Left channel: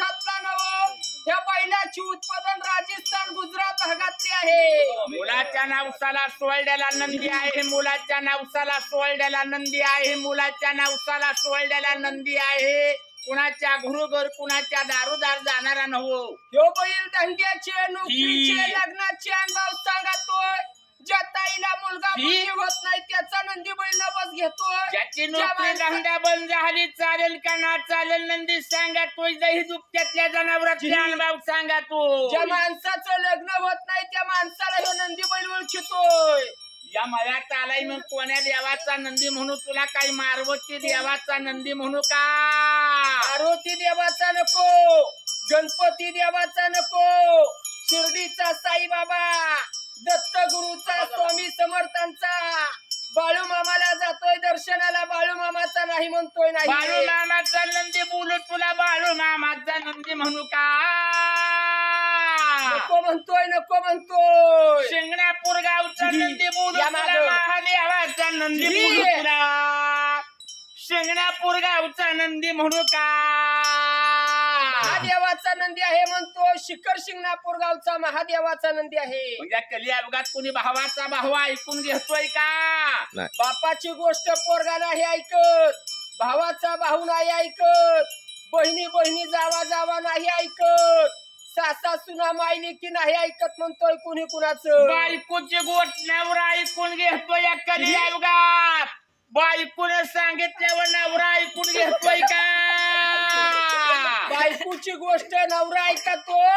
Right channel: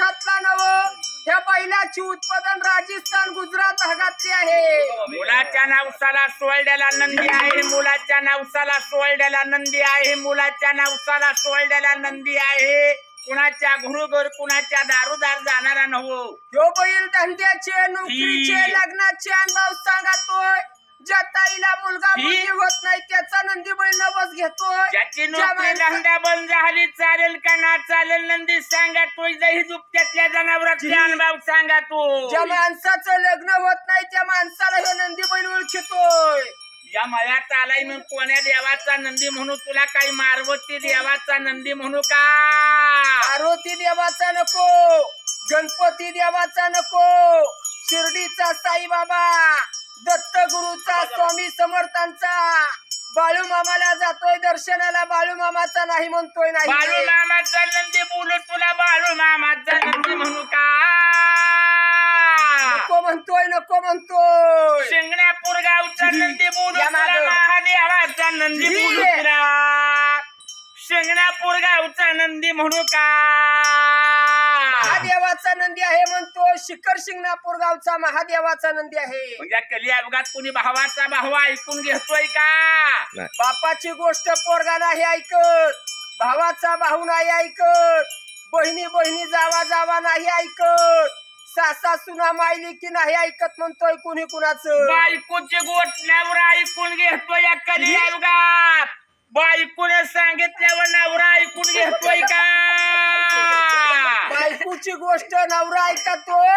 मुलखातला नव. ह्या बैलाची उत्पादन राजस्थान गुजरात भागातली आहे. मुलाच्या नवसाला सोळड्याला नंदी आहे मुलाच्या नवसाला सोळड्याला नंदी आहे मुलाच्या नवसाला सोळड्याला नंदी आहे. कुणाच्या घरोघर कुणाच्या दारोदार जाणारा नव्हो ह्यो बैल धंद्याचे नोकरीचे. लग्नाचे अनुभव ताईला मुलगा ही. मुलगी होत नाही त्याचा नंदी बैल नवस घेतोय. ज्याची ज्या नोकरी माणसा- धंदा बंद झाली चालेल का ना चालेल नंदी सांगा तो दही दुपट्यातल्या जनावरातले अनुभव सांगा तो. ज्या माणसाचं लग्न होत नाही त्या माणसाला ह्यो नंदी बैल ओळखितोय. या मळ्यात आलाय मग कोण्या देवाचा नंदी म्हणू तुला काही मारवती देवाचा नंदी म्हणू का? मारुती देवाचा नको गणपती देवाचा नको शिर्डीचा साईबाबा. दत्तगुरूचा स्वामी समर्थांचा. बाळू मामाला जातोय दर्शनाला. बाळू मामाचा नाही म्हणतोय बाळू नाही मामाचा नंदी बोलू तुला बाळू मामाचा नंदी म्हणू का? नको म्हणतोय नको म्हणतोय. शिंगणापूर गावचा. नंदी बोलू या तुला मागं. महादेवाचा नंदी जी. बोलू तुला शिंगणापूर गावचा नंदी म्हणू का? महादेवाचा नंदी आहे म्हणतो. शिखर शिंगणापूर गावचा महादेवाचा नंदी आहे. म्हणजे कली अपघात कुणी भावाचा भाऊ ऐकून घेतोय का? बापाची गोष्ट पोरगा नाही ऐकत. भावाचा भाऊ नाही ऐकत. बहिणी बहिणी जावा जावा नाही ऐकत. सासा सुना मायली की नाही ऐकत म्हणतोय कुणी कुणाचं? बायकोची गोठण्यावर ऐकून घेतोय या कली अपघात. बायकोने सांगितल्यावर नवरा ऐकून घेतोय का? बायकोची गोष्ट नवरा ऐकतोय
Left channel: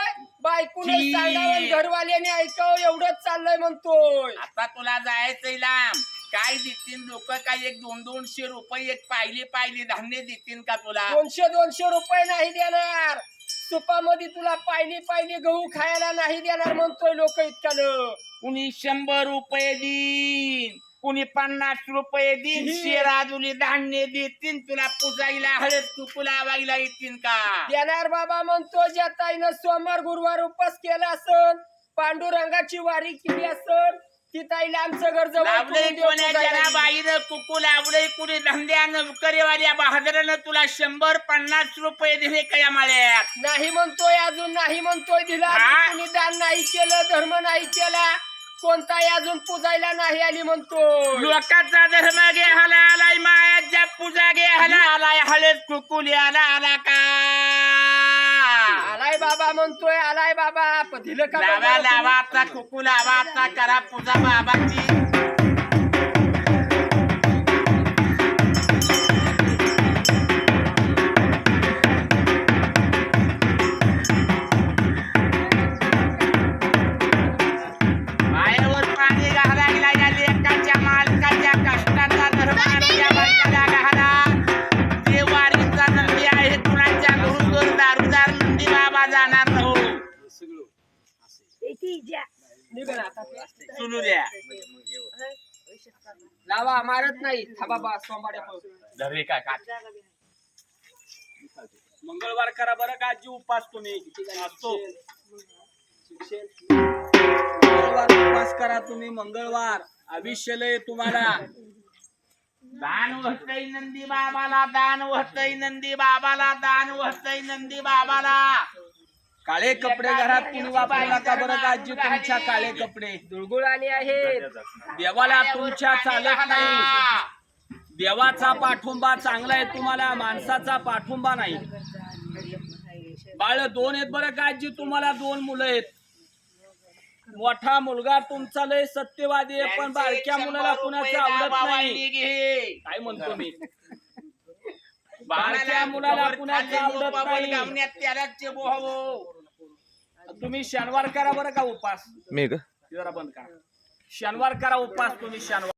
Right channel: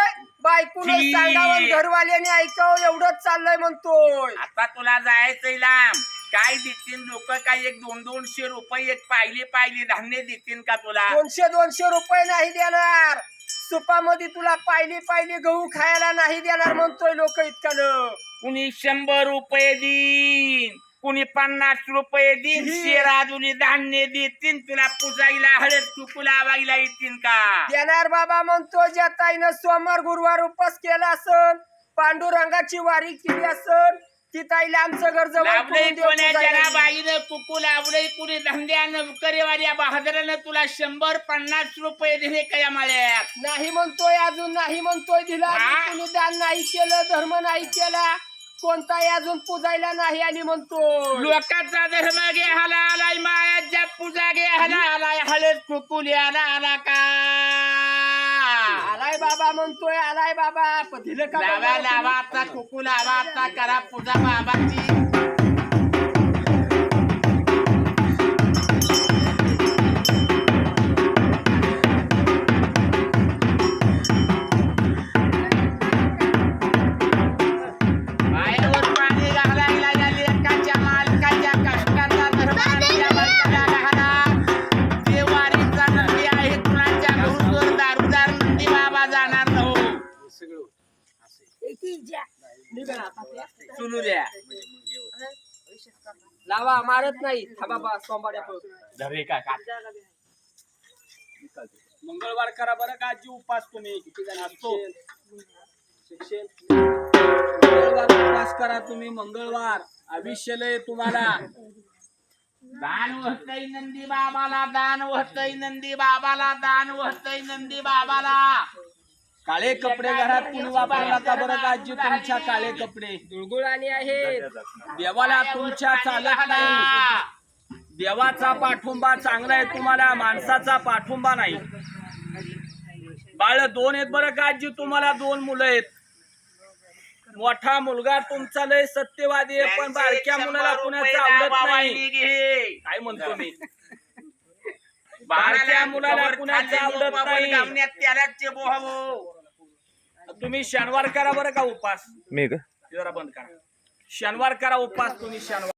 बायकोने जी. सांगावं घरवाल्याने ऐकावं एवढंच चाललंय म्हणतोय. आता तुला जायचंय लांब. काय देतील लोक? काय एक दोन दोनशे रुपये एक पाहिली पाहिली धान्य देतील का तुला? दोनशे दोनशे रुपये नाही देणार. सुपामध्ये तुला पायली पायली गहू खायला नाही देणार म्हणतोय लोक इतकं कुणी शंभर रुपये देईन? कुणी पन्नास रुपये देईन. शेराजुली धान्य देतील तुला पुजायला हळद कुकू लावायला येतील का देणार बाबा म्हणतो ज्या ताईनं सोमवार गुरुवार उपास केला असन पांडुरंगाची वारी केली असन ती ताईला आमचं घर जवळ लावलंय करून देऊ कोण्या पुजायला. जरा बाईनं कुकू लावलंय कुणी धंद्यानं नोकरीवाल्या बहादरानं तुला शंभर पन्नास रुपये दिले का या माळ्यात नाही म्हणतोय अजून नाही म्हणतोय दिला हा? कुणी दान नाही केलं धर्म नाही केला कोणताही अजून पुजायला नाही आली म्हणतोय. लोकांचा धर्म घ्यायला आलाय मायाच्या पूजा घ्यायला आलाय हळद कुकू लिहायला आला का? आलाय बाबा म्हणतोय आलाय बाबा. प- दिलं का लावा बाबा लावा आता कुकू लावा आता करा पूजा बाबाची. लावा मारत नाही. हा. धरे का का? मंगळवार करा बरं का आजी उपास तुम्ही. असतो. मंगळवार उपास करा तुम्ही मंगळवार. आयुष्य लय तुम्हाला. दान वहतय नंदी बाबाला दान वहतय नंदी बाबाला दान वहतय नंदी बाबाला. काळे कपडे घरात कुणी वापरू नका बरं का आजी तुमच्या काळे कपडे. दुळगुळाने आहेत देवाला तुमच्या चालत नाही. देवाचा पाठुंबा चांगला आहे तुम्हाला माणसाचा पाठुंबा नाही. बाळ दोन आहेत बरं का आजी? तुम्हाला दोन मुलं आहेत. मोठा मुलगा तुमचा लय सत्यवादी आहे पण बारक्या मुलाला कुणाचं आवडत नाही. काय म्हणतो मी? बारक्या मुलाला कुणाचं आवडत नाही. गावण्यात त्याला बोहावो. तुम्ही शनिवार करा बरं का उपास? मी का? जरा बंद करा. शनिवार करा उपास तुम्ही शनिवार